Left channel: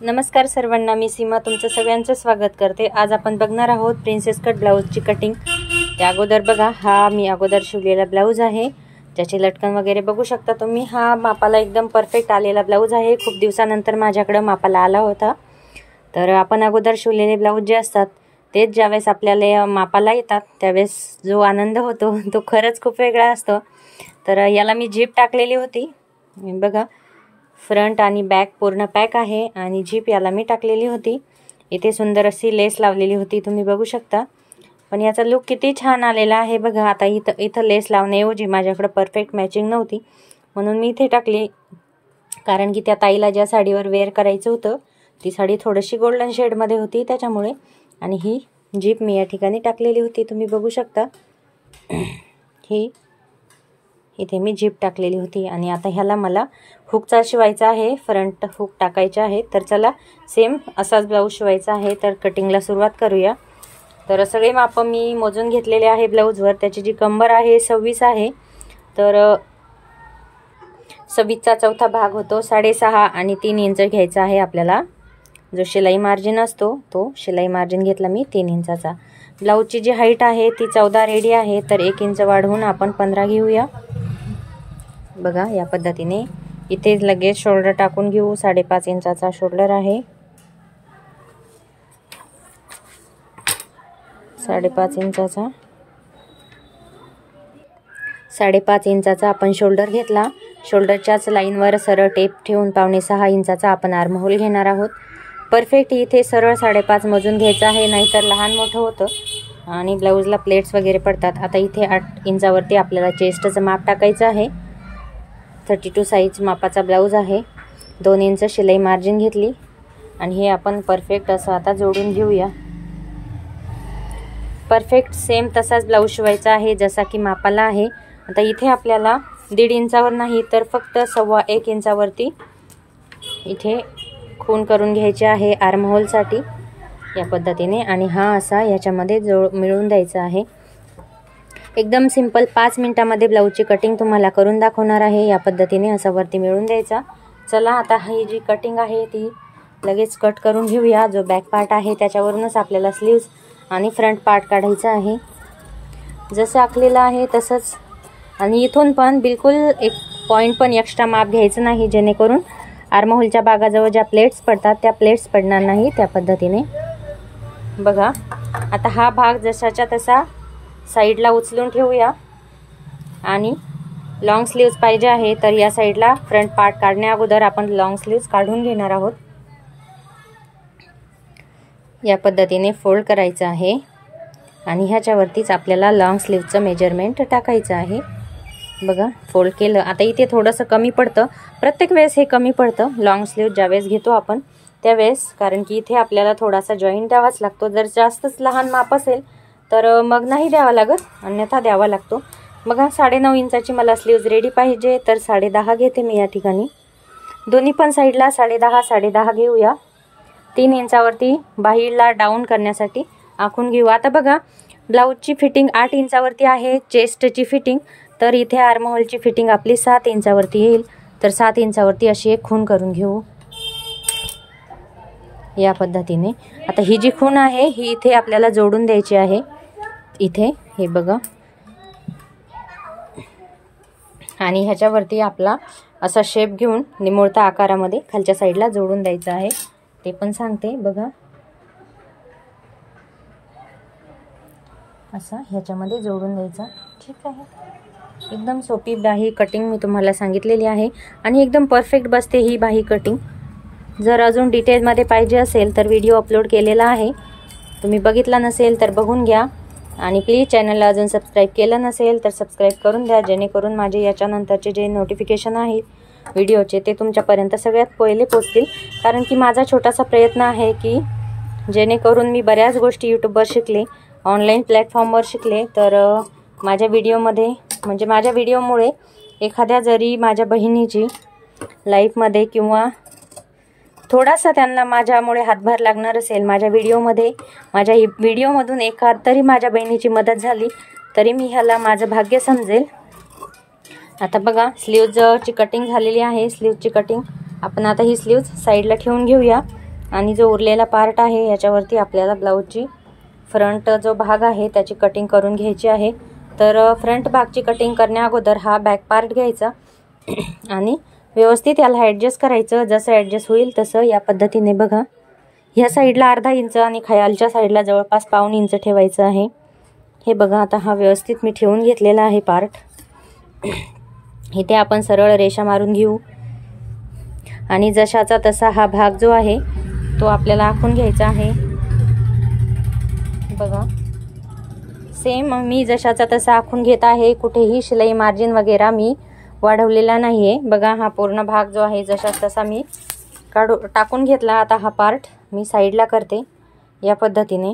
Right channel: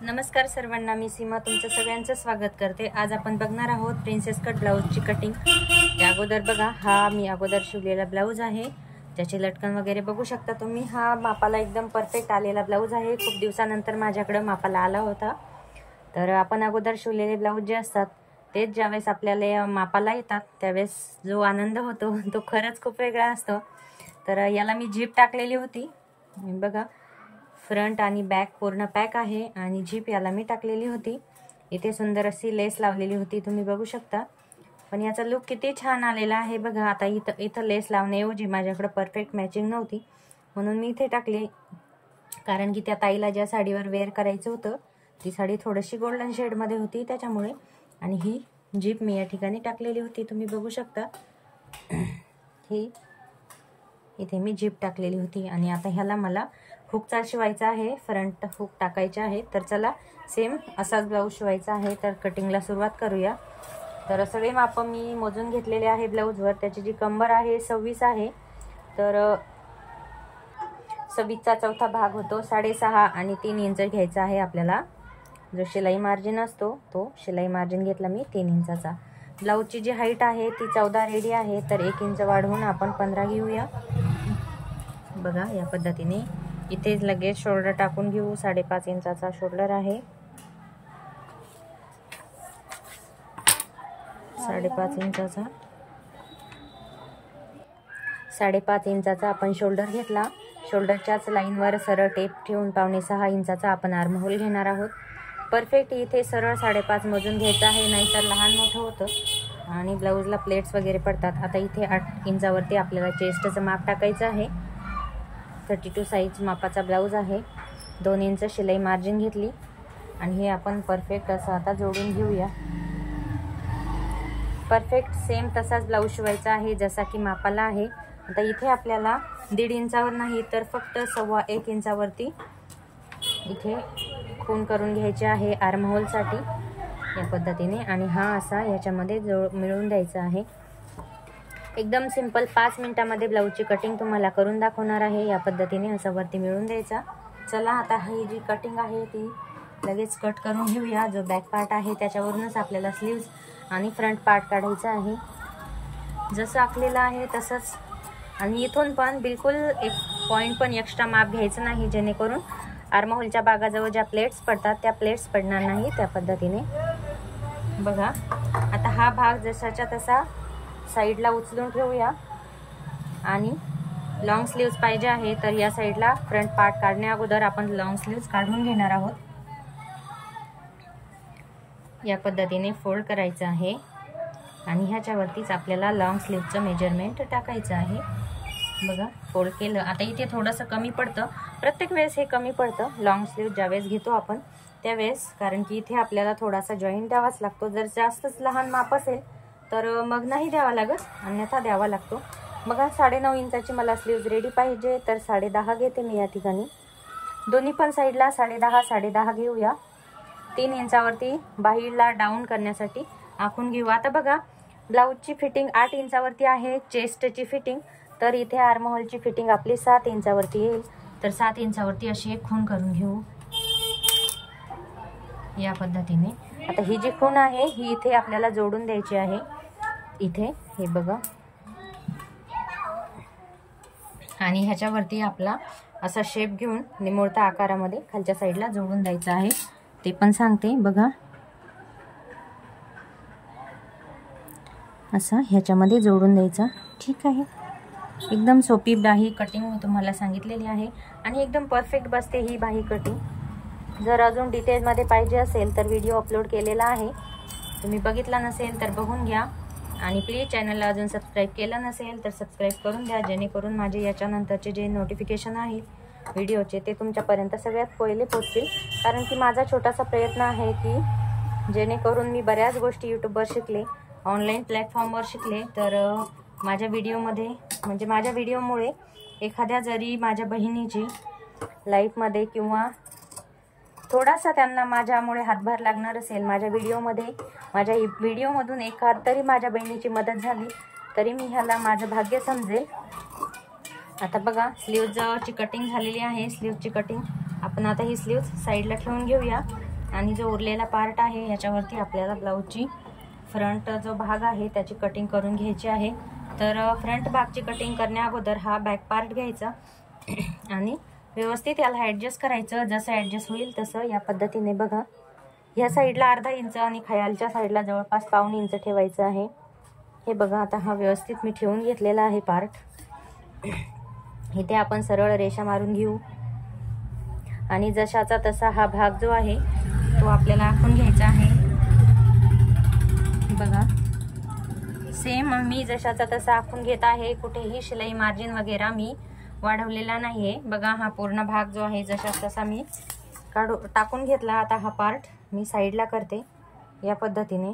नमस्कार सर्वांना, मी सीमा तुमचं सगळ्यांचं स्वागत करते। आज आपण बघणार आहोत प्रिन्सेस कट ब्लाऊजची कटिंग। त्या अगोदर बघा, हा मी अगोदर शिवलेला ब्लाऊज आहे, ज्याचे लटकन वगैरे बघू शकता तुम्ही। हा मापाला एकदम परफेक्ट आलेला ब्लाऊज आहे। खूप दिवसानंतर माझ्याकडे मापाला आला होता। तर आपण अगोदर शिवलेले ब्लाऊज जे असतात तेच ज्यावेळेस आपल्याला मापाला येतात त्यावेळेस जो आनंद होतो तो खरंच खूप वेगळा असतो। तर याला मी झिप टाकलेली होती, बघा फ्रंट आणि बॅक पूर्ण पॅक आहे आणि झिप याला मी टाकलेली होती। इथे सुंदर अशी लेस लावलेली होती, तुम्ही बघू शकता। पण याचा लुक किती छान आलेला आहे बघा। आता इथं लेस लावण्याऐवजी माझ्याकडे परफेक्ट मॅचिंग नव्हती म्हणून मी इथे टाकली, कारण की त्या ताईला ज्या साडीवर वेअर करायचं होतं ती साडी थोडीशी गोल्डन शेडमध्ये होती त्याच्यामुळे। आणि ही झिप मी या ठिकाणी टाकलेली होती, तुम्ही बघू शकता। ही इथे मी झिप टाकलेली होती आणि आता ह्याला मला हुकचा शिवायचा आहे, फ्रंट हुक टाकायचे आहे। तर चला सेम असाच ब्लाऊज शिवायचा आहे, तर कटिंगला सुरुवात करूया। तर सगळे माप मी मोजून घेतलेले आहे ब्लाऊजवर। त्याची जी कंबर आहे 26 आहे, तर 26चा चौथा भाग होतो 6.5 आणि 3 इंच घ्यायचा आहे आपल्याला। जो शिलाई मार्जिन असतो तो शिलाई मार्जिन घेतला मी 3 इंचाचा। ब्लाऊजची जी हाईट आहे ती 14 रेडी आहे, तर 1 इंच वाढवून आपण 15 घेऊया। बघा या पद्धतीने इथे लगेच शोल्डर टाकून घेऊ। 5.5 इंचाचा शोल्डर आहे, 5.5 इंचाचा 5.5 इंचाचा आपण शोल्डर घेतला। शोल्डरच्याच लाईनवर सरळ टेप ठेवून 5.25 इंचाचा आपण आर्महोल घेणार आहोत। परफेक्ट इथे सरळ 5.5 मोजून घ्यायचा आहे, नाहीतर लहान मोठं होतं आणि ब्लाऊजला प्लेट्स वगैरे पडतात। आता इथे 8 इंचावरती आपल्याला चेस्टचं माप टाकायचं आहे। 32 साईज मापाचा ब्लाऊज आहे, 2 इंच शिलाई मार्जिन घेतली आणि हे आपण परफेक्ट असं आता जोडून घेऊया। परफेक्ट सेम तसाच ब्लाऊज शिवायचा आहे जसा की मापाला आहे। आता इथे आपल्याला 1.5 इंचावर नाही तर फक्त 1.25 इंचावरती इथे खूण करून घ्यायचे आहे आर्महोलसाठी या पद्धतीने। आणि हा असा याच्यामध्ये मिळून द्यायचा आहे। एकदम सिंपल 5 मिनिटांमध्ये ब्लाऊजची कटिंग तुम्हाला करून दाखवणार आहे। या पद्धतीने असा वरती मिळून द्यायचा। चला आता ही जी कटिंग आहे ती लगेच कट करून घेऊया। जो बॅक पार्ट आहे त्याच्यावरूनच आपल्याला स्लीव्स आणि फ्रंट पार्ट काढायचा आहे, जसं आखलेलं आहे तसंच। आणि इथून पण बिलकुल एक पॉईंट पण एक्स्ट्रा माप घ्यायचं नाही, जेणेकरून आर्महोलच्या भागाजवळ ज्या प्लेट्स पडतात त्या प्लेट्स पडणार नाही त्या पद्धतीने। बघा आता हा भाग जसाच्या तसा साईडला उचलून ठेवूया आणि लॉंग स्लीव्स पाहिजे आहे, तर या साईडला फ्रंट पार्ट काढण्या अगोदर आपण लॉंग स्लीव्स काढून घेणार आहोत। या पद्धतीने फोल्ड करायचं आहे आणि ह्याच्यावरतीच आपल्याला लॉंग स्लीव्हचं मेजरमेंट टाकायचं आहे। बघा फोल्ड केलं। आता इथे थोडंसं कमी पडतं, प्रत्येक वेळेस हे कमी पडतं लॉंग स्लीव्ह ज्यावेळेस घेतो आपण त्यावेळेस, कारण की इथे आपल्याला थोडासा जॉईंट द्यावाच लागतो। जर जास्तच लहान माप असेल तर मग नाही द्यावा लागत, अन्यथा द्यावा लागतो। बघा 9.5 इंचाची मला स्लीव्ज रेडी पाहिजे, तर 10.5 घेते मी या ठिकाणी। दोन्ही पण साईडला 10.5 घेऊया। 3 इंचावरती बाहीला डाऊन करण्यासाठी आखून घेऊ। आता बघा ब्लाऊजची फिटिंग 8 इंचावरती आहे चेस्टची फिटिंग, तर इथे आर्महोलची फिटिंग आपली 7 इंचावरती येईल। तर 7 इंचावरती अशी एक खूण करून घेऊ या पद्धतीने। आता ही जी खूण आहे ही इथे आपल्याला जोडून द्यायची आहे, इथे हे बघा। आणि ह्याच्यावरती आपला असा शेप घेऊन निमुळता आकारामध्ये खालच्या साईडला जोडून द्यायचा आहे, ते पण सांगते बघा। असं ह्याच्यामध्ये जोडून द्यायचा, ठीक आहे। एकदम सोपी बाही कटिंग मी तुम्हाला सांगितलेली आहे आणि एकदम परफेक्ट बसते ही बाही कटिंग। जर अजून डिटेलमध्ये पाहिजे असेल तर व्हिडिओ अपलोड केलेला आहे, तुम्ही बघितला नसेल तर बघून घ्या। आणि प्लीज चॅनलला अजून सबस्क्राईब केलं नसेल तर सबस्क्राईब करून द्या, जेणेकरून माझे याच्यानंतरचे जे नोटिफिकेशन आहेत व्हिडिओचे ते तुमच्यापर्यंत सगळ्यात पहिले पोचतील। कारण की माझा छोटासा प्रयत्न आहे की जेणेकरून मी बऱ्याच गोष्टी यूट्यूबवर शिकले, ऑनलाईन प्लॅटफॉर्मवर शिकले, तर माझ्या व्हिडिओमध्ये म्हणजे माझ्या व्हिडिओमुळे एखाद्या जरी माझ्या बहिणीची लाईफमध्ये किंवा थोडासा त्यांना माझ्यामुळे हातभार लागणार असेल माझ्या व्हिडिओमधून एखाद तरी माझ्या बहिणीची मदत झाली तरी मी ह्याला माझं भाग्य समजेल। आता बघा स्लीव्जची कटिंग झालेली आहे। स्लीव्जची कटिंग आपण आता ही स्लीव्ज साईडला ठेवून घेऊया आणि जो उरलेला पार्ट आहे याच्यावरती आपल्याला ब्लाऊजची फ्रंट जो भाग आहे त्याची कटिंग करून घ्यायची आहे। तर फ्रंट भागची कटिंग करण्या अगोदर हा बॅक पार्ट घ्यायचा आणि व्यवस्थित याला ॲडजस्ट करायचं। जसं ॲडजस्ट होईल तसं या पद्धतीने बघा, ह्या साईडला अर्धा इंच आणि खालच्या साईडला जवळपास पाऊण इंच ठेवायचं आहे। हे बघा, आता हा व्यवस्थित मी ठेवून घेतलेला आहे पार्ट। इथे आपण सरळ रेषा मारून घेऊ आणि जशाचा तसा हा भाग जो आहे तो आपल्याला आखून घ्यायचा आहे। बघा, सेम मी जशाचा तसा आखून घेत आहे, कुठेही शिलाई मार्जिन वगैरे मी वाढवलेला नाही आहे। बघा, हा पूर्ण भाग जो आहे जशाच तसा मी टाकून घेतला। आता हा पार्ट मी साईडला करते या पद्धतीने।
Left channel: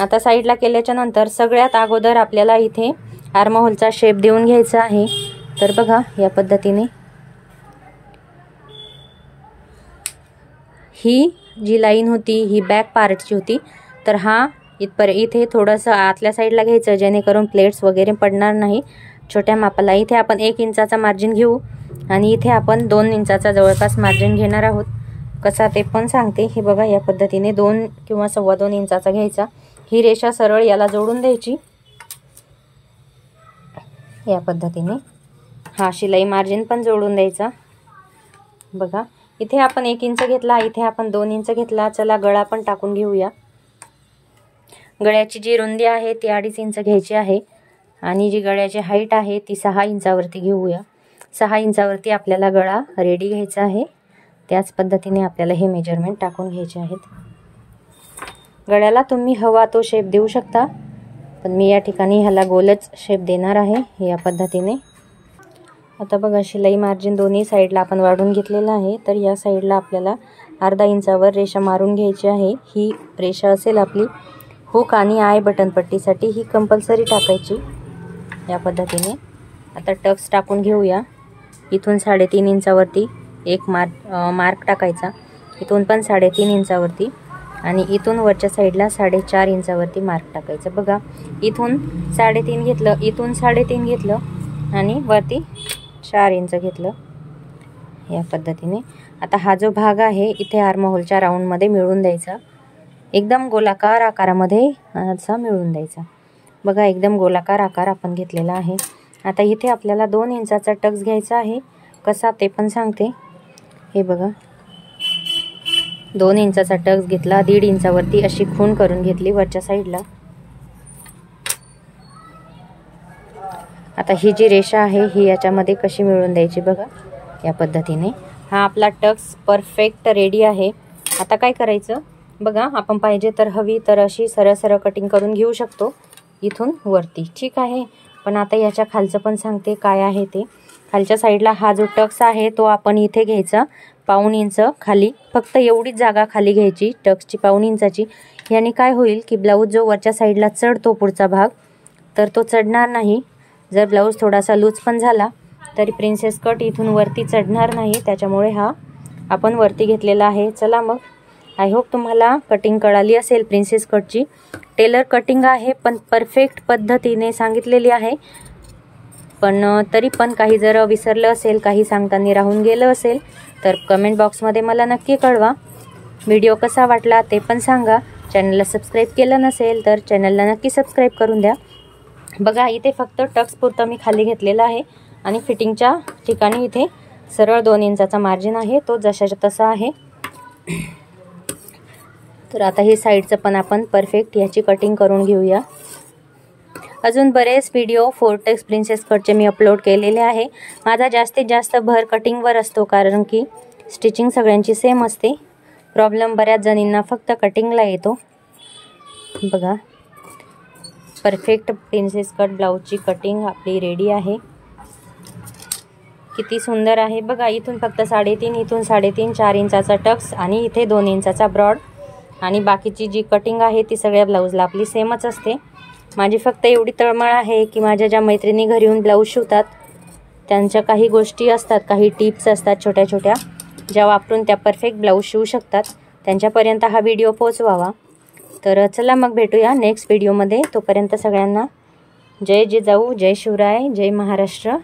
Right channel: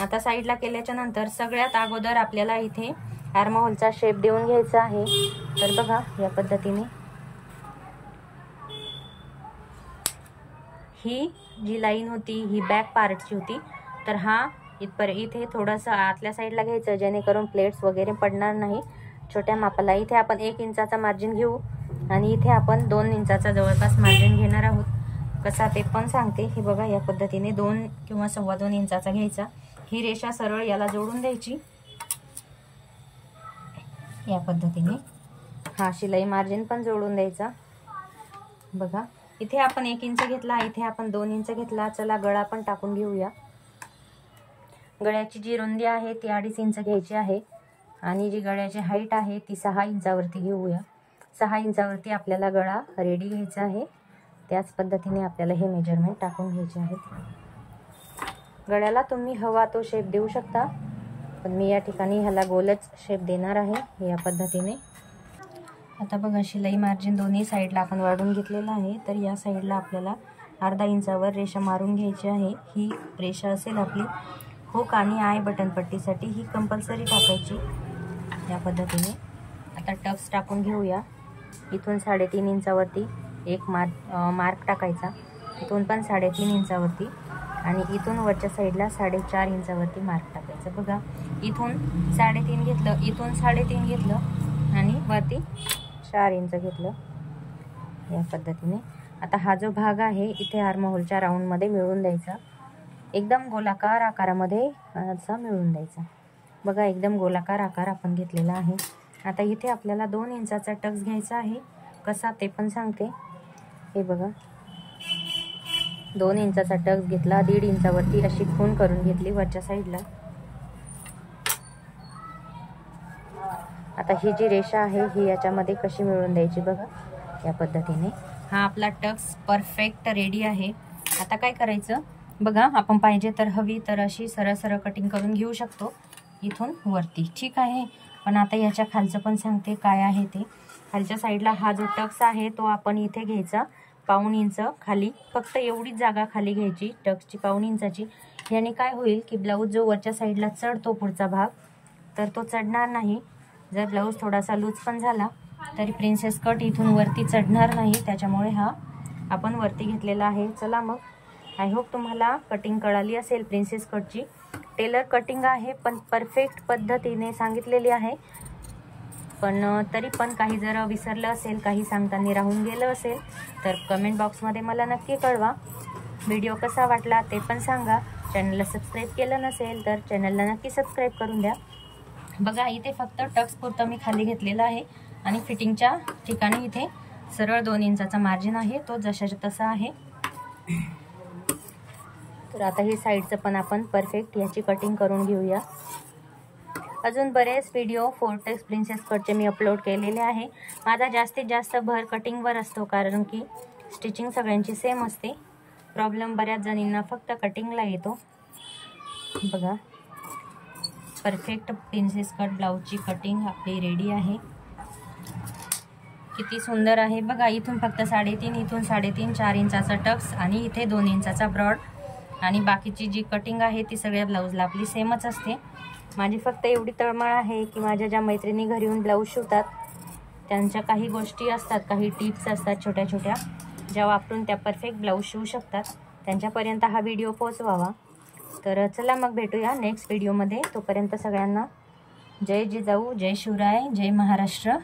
आता साईडला केल्याच्या नंतर सगळ्यात अगोदर आपल्याला इथे आर्महोलचा शेप देऊन घ्यायचा आहे। तर बघा, या पद्धतीने ही जी लाईन होती ही बॅक पार्टची होती। तर हा इथे थोडंसं आतल्या साईडला घ्यायचं जेणेकरून प्लेट्स वगैरे पडणार नाही। छोट्या मापाला इथे आपण 1 इंचाचा मार्जिन घेऊ आणि इथे आपण 2 इंचाचा जवळपास मार्जिन घेणार आहोत। कसा ते पण सांगते। हे बघा, या पद्धतीने 2 किंवा 2.25 इंचाचा घ्यायचा। ही रेषा सरळ याला जोडून द्यायची या पद्धतीने। हा शिलाई मार्जिन पण जोडून द्यायचा। बघा, इथे आपण 1 इंच घेतला, इथे आपण 2 इंच घेतला। चला गळा पण टाकून घेऊया। गळ्याची जी रुंदी आहे ती 2.5 इंच घ्यायची आहे आणि जी गळ्याची हाईट आहे ती 6 इंचावरती घेऊया। 6 इंचावरती आपल्याला गळा रेडी घ्यायचा आहे। त्याच पद्धतीने आपल्याला हे मेजरमेंट टाकून घ्यायचे आहेत। गळ्याला तुम्ही हवा तो शेप देऊ शकता, पण मी या ठिकाणी ह्याला गोलच शेप देणार आहे या पद्धतीने। आता बघा, शिलाई मार्जिन दोन्ही साईडला आपण वाढवून घेतलेलं आहे। तर या साईडला आपल्याला अर्धा इंचावर रेषा मारून घ्यायची आहे। ही रेषा असेल आपली हुक आणि आय बटन पट्टीसाठी, ही कंपल्सरी टाकायची या पद्धतीने। आता टक्स टाकून घेऊया। इथून 3.5 इंचावरती एक मार्क टाकायचा, इथून पण 3.5 इंचावरती आणि इथून वरच्या साईडला 4.5 इंचावरती मार्क टाकायचा। बघा, इथून 3.5 घेतलं, इथून 3.5 घेतलं आणि वरती 4 इंच घेतलं या पद्धतीने। आता हा जो भाग आहे इथे आर्महोलच्या राऊंडमध्ये मिळवून द्यायचा, एकदम गोलाकार आकारामध्ये असा मिळवून द्यायचा। बघा, एकदम गोलाकार आकार आपण घेतलेला आहे। आता इथे आपल्याला 2 इंचाचा टक्स घ्यायचा आहे। कसा ते पण सांगते। हे बघा, 2 इंचाचा टक्स घेतला, 1.5 इंचावरती अशी खूण करून घेतली वरच्या साईडला। आता ही जी रेषा आहे ही याच्यामध्ये कशी मिळवून द्यायची बघा या पद्धतीने। हा आपला टक्स परफेक्ट रेडी आहे। आता काय करायचं बघा, आपण पाहिजे तर हवी तर अशी सरळ सरळ कटिंग करून घेऊ शकतो इथून वरती, ठीक आहे। पण आता याच्या खालचं पण सांगते काय आहे ते। खालच्या साईडला हा जो टक्स आहे तो आपण इथे घ्यायचा 1.25 इंच खाली, फक्त एवढीच जागा खाली घ्यायची टक्सची 1.25 इंचाची। याने काय होईल की ब्लाऊज जो वरच्या साईडला चढतो पुढचा भाग, तर तो चढणार नाही। जर ब्लाऊज थोडासा लूज पण झाला तरी प्रिन्सेस कट इथून वरती चढणार नाही, त्याच्यामुळे हा आपण वरती घेतलेला आहे। चला मग, आय होप तुम्हाला कटिंग कळाली असेल प्रिन्सेस कटची। टेलर कटिंग आहे पण परफेक्ट पद्धतीने सांगितलेली आहे। पण तरी पण काही जर विसरलं असेल, काही सांगताना राहून गेलं असेल तर कमेंट बॉक्समध्ये मला नक्की कळवा। व्हिडिओ कसा वाटला ते पण सांगा। चॅनलला सबस्क्राईब केलं नसेल तर चॅनलला नक्की सबस्क्राईब करून द्या। बघा, इथे फक्त टक्स पुरतं मी खाली घेतलेला आहे आणि फिटिंगच्या ठिकाणी इथे सरळ 2 इंचाचा मार्जिन आहे, तो जशाचा तसा आहे। तर आता हे साईडचं पण आपण परफेक्ट याची कटिंग करून घेऊया। अजून बरेच व्हिडिओ फोर्टेक्स प्रिन्सेस कटचे मी अपलोड केलेले आहे। माझा जास्तीत जास्त भर कटिंगवर असतो, कारण की स्टिचिंग सगळ्यांची सेम असते। प्रॉब्लेम बऱ्याच जणींना फक्त कटिंगला येतो। बघा, परफेक्ट प्रिन्सेस कट ब्लाऊजची कटिंग आपली रेडी आहे। किती सुंदर आहे बघा। इथून फक्त 3.5, इथून 3.5, 4 इंचाचा टक्स आणि इथे 2 इंचाचा ब्रॉड आणि बाकीची जी कटिंग आहे ती सगळ्या ब्लाऊजला आपली सेमच असते। माझी फक्त एवढी तळमळ आहे की माझ्या ज्या मैत्रिणी घरी येऊन ब्लाऊज शिवतात त्यांच्या काही गोष्टी असतात, काही टिप्स असतात छोट्या छोट्या, ज्या वापरून त्या परफेक्ट ब्लाऊज शिवू शकतात, त्यांच्यापर्यंत हा व्हिडिओ पोहोचवावा। तर चला मग भेटूया नेक्स्ट व्हिडिओमध्ये। तोपर्यंत सगळ्यांना जय जिजाऊ, जय शिवराय, जय महाराष्ट्र।